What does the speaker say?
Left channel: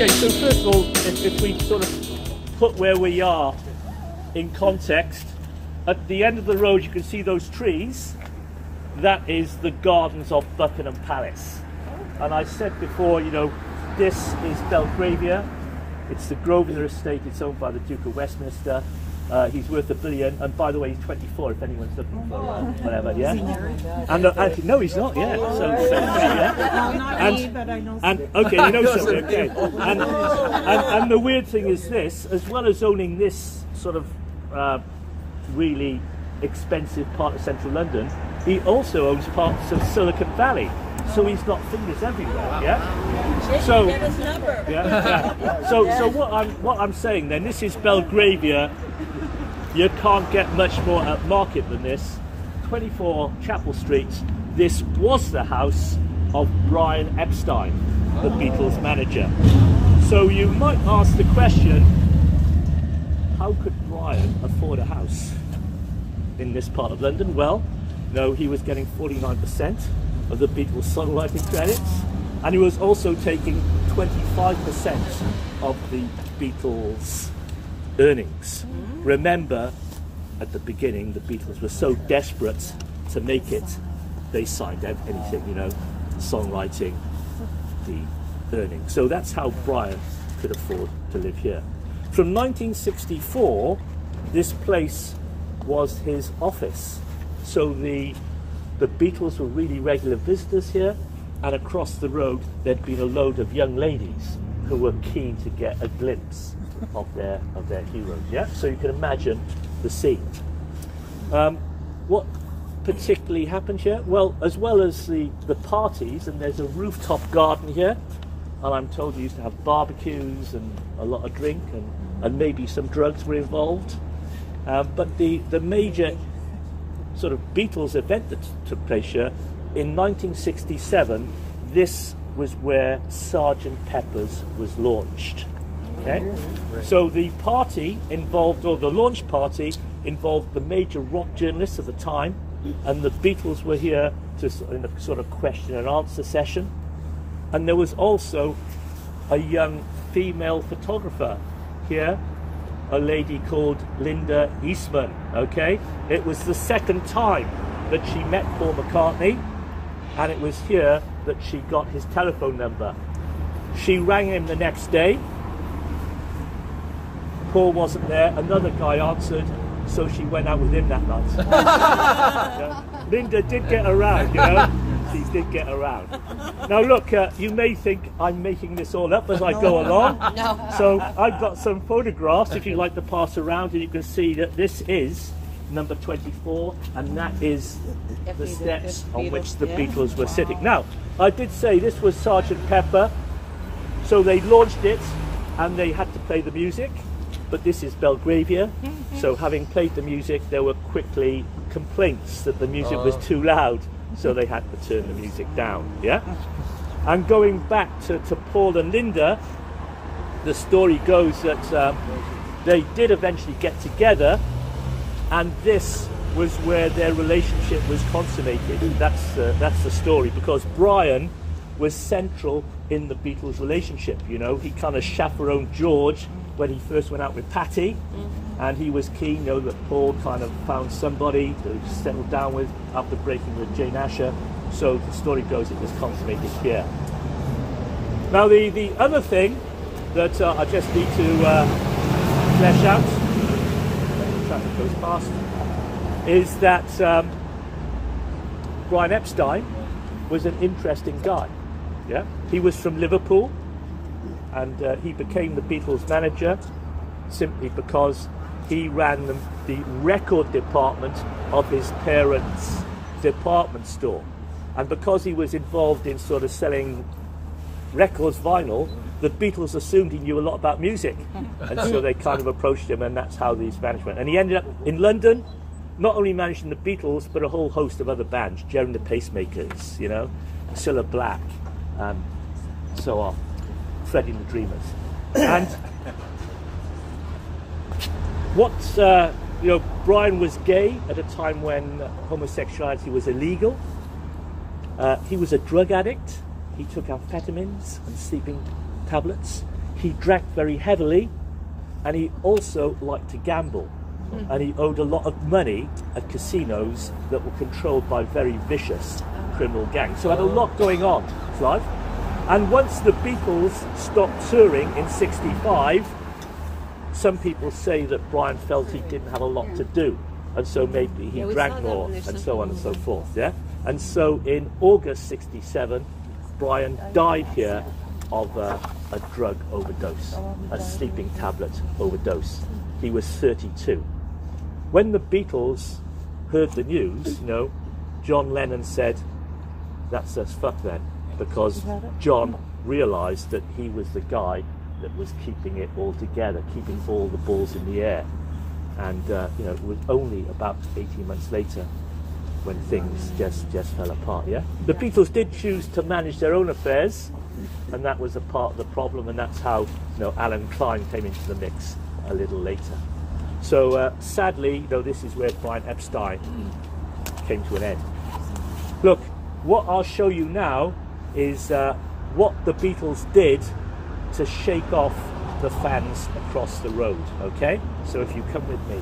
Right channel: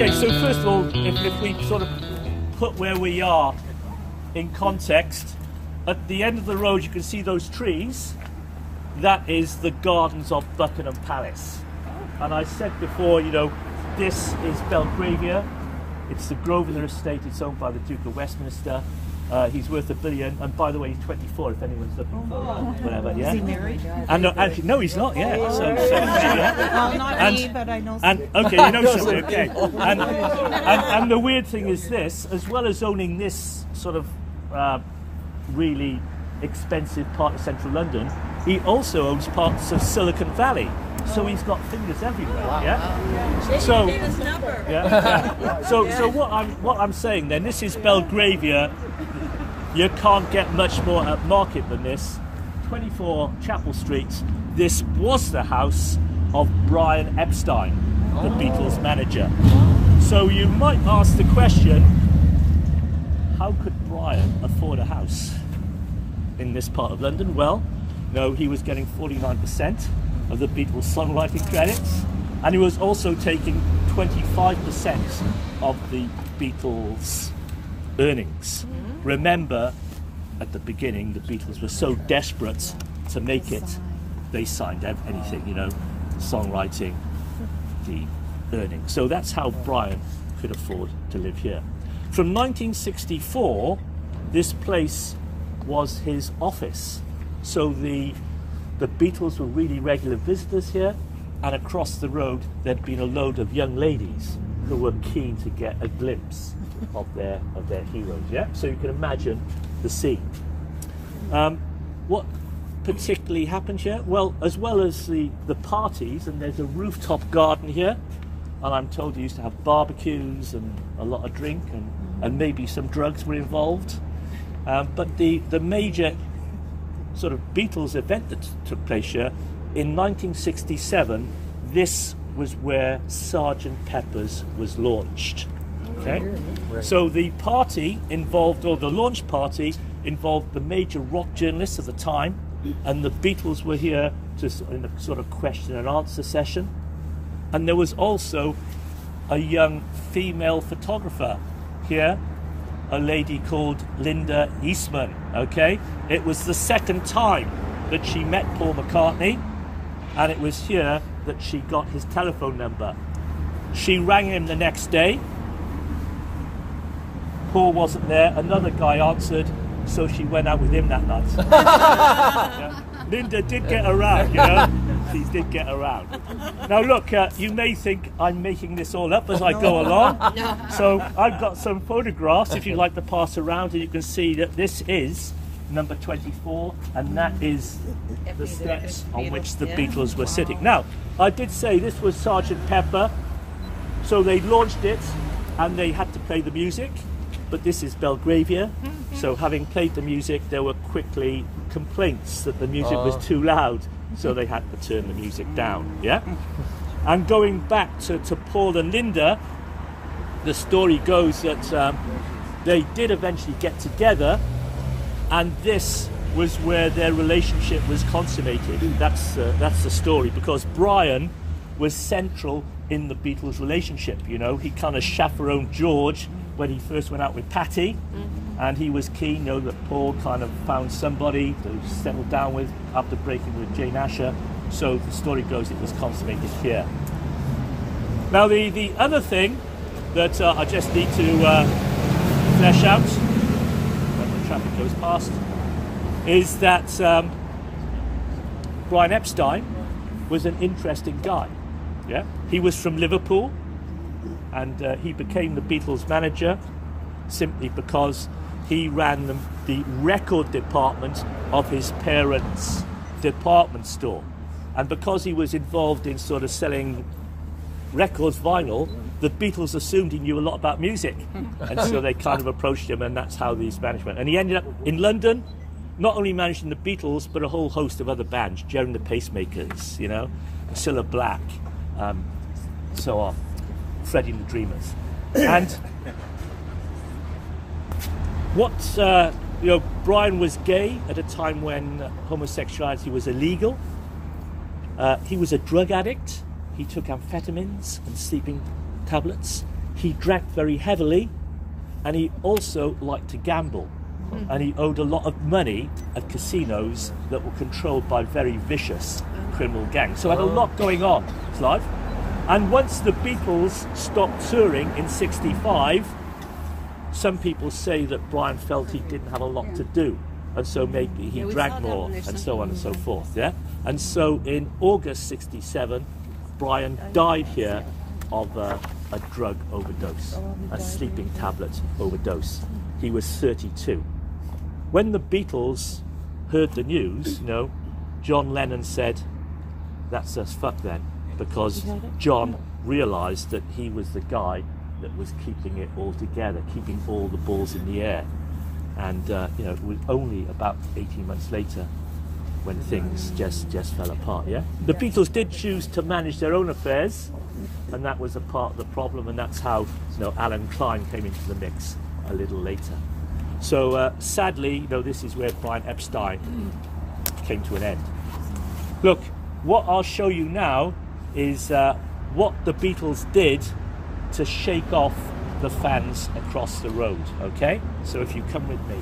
Okay, so first of all, if we sort of put where we are in context, at the end of the road you can see those trees. That is the gardens of Buckingham Palace. And I said before, you know, this is Berlgravia. It's the Grosvenor estate. It's owned by the Duke of Westminster. He's worth $1 billion, and by the way, he's 24. If anyone's looking for whatever, yeah. And actually, no, he's not yet. Well, not me, but I know. And okay, you know something. Okay. And the weird thing is this: as well as owning this sort of really expensive part of central London, he also owns parts of Silicon Valley. So he's got fingers everywhere. Wow. Yeah. So, yeah. So what I'm saying then, this is Berlgravia. You can't get much more upmarket than this. 24 Chapel Street. This was the house of Brian Epstein, the Beatles manager. So you might ask the question, how could Brian afford a house in this part of London? Well, no, he was getting 49% of the Beatles songwriting credits, and he was also taking 25% of the Beatles earnings. Remember, at the beginning, the Beatles were so desperate to make it, they signed anything, you know, songwriting, the earnings. So that's how Brian could afford to live here. From 1964, this place was his office. So the Beatles were really regular visitors here, and across the road there'd been a load of young ladies who were keen to get a glimpse of their heroes. Yeah, so you can imagine the scene. What particularly happened here? Well, as well as the parties, and there's a rooftop garden here, and I'm told they used to have barbecues and a lot of drink, and maybe some drugs were involved. But the major sort of Beatles event that took place here in 1967, this was where Sgt. Pepper's was launched. Okay, so the party involved, or the launch party involved the major rock journalists of the time, and the Beatles were here in a sort of question and answer session. And there was also a young female photographer here, a lady called Linda Eastman. Okay, it was the second time that she met Paul McCartney, and it was here that she got his telephone number. She rang him the next day. Paul wasn't there. Another guy answered, so she went out with him that night. Yeah. Linda did get around, you know. She did get around. Now look, you may think I'm making this all up as I go along. So I've got some photographs if you'd like to pass around, and you can see that this is number 24, and that is the steps on which the Beatles were sitting. Now, I did say this was Sgt. Pepper, so they launched it and they had to play the music, but this is Berlgravia, so having played the music, there were quickly complaints that the music was too loud, so they had to turn the music down. Yeah. And going back to Paul and Linda, the story goes that they did eventually get together, and this was where their relationship was consummated. That's the story, because Brian was central in the Beatles' relationship. You know, he kind of chaperoned George when he first went out with Patty, and he was keen, you know, that Paul kind of found somebody to settle down with after breaking with Jane Asher. So the story goes it was consummated here. Now the other thing that I just need to flesh out, when traffic goes past, is that Brian Epstein was an interesting guy. Yeah, he was from Liverpool, and he became the Beatles manager simply because he ran the record department of his parents' department store, and because he was involved in sort of selling records, vinyl, the Beatles assumed he knew a lot about music, and so they kind of approached him, and that's how these management. And he ended up in London, not only managing the Beatles but a whole host of other bands, Jerry and the Pacemakers, you know, Cilla Black, so on, Freddie and the Dreamers. And what you know, Brian was gay at a time when homosexuality was illegal. He was a drug addict. He took amphetamines and sleeping tablets. he drank very heavily, and he also liked to gamble. And he owed a lot of money at casinos that were controlled by very vicious criminal gangs. So had a lot going on in his life. And once the Beatles stopped touring in '65, some people say that Brian felt he didn't have a lot to do, and so maybe he drank more, and so on and so forth. Yeah. And so in August '67, Brian died here of a drug overdose, a sleeping tablet overdose. He was 32. When the Beatles heard the news, you know, John Lennon said, "That's us fucked then," because John realised that he was the guy that was keeping it all together, keeping all the balls in the air. And you know, it was only about 18 months later when things just fell apart. Yeah, the Beatles did choose to manage their own affairs, and that was a part of the problem. And that's how, you know, Alan Klein came into the mix a little later. So sadly, you know, this is where Brian Epstein came to an end. Look, what I'll show you now is what the Beatles did to shake off the fans across the road. Okay, so if you come with me.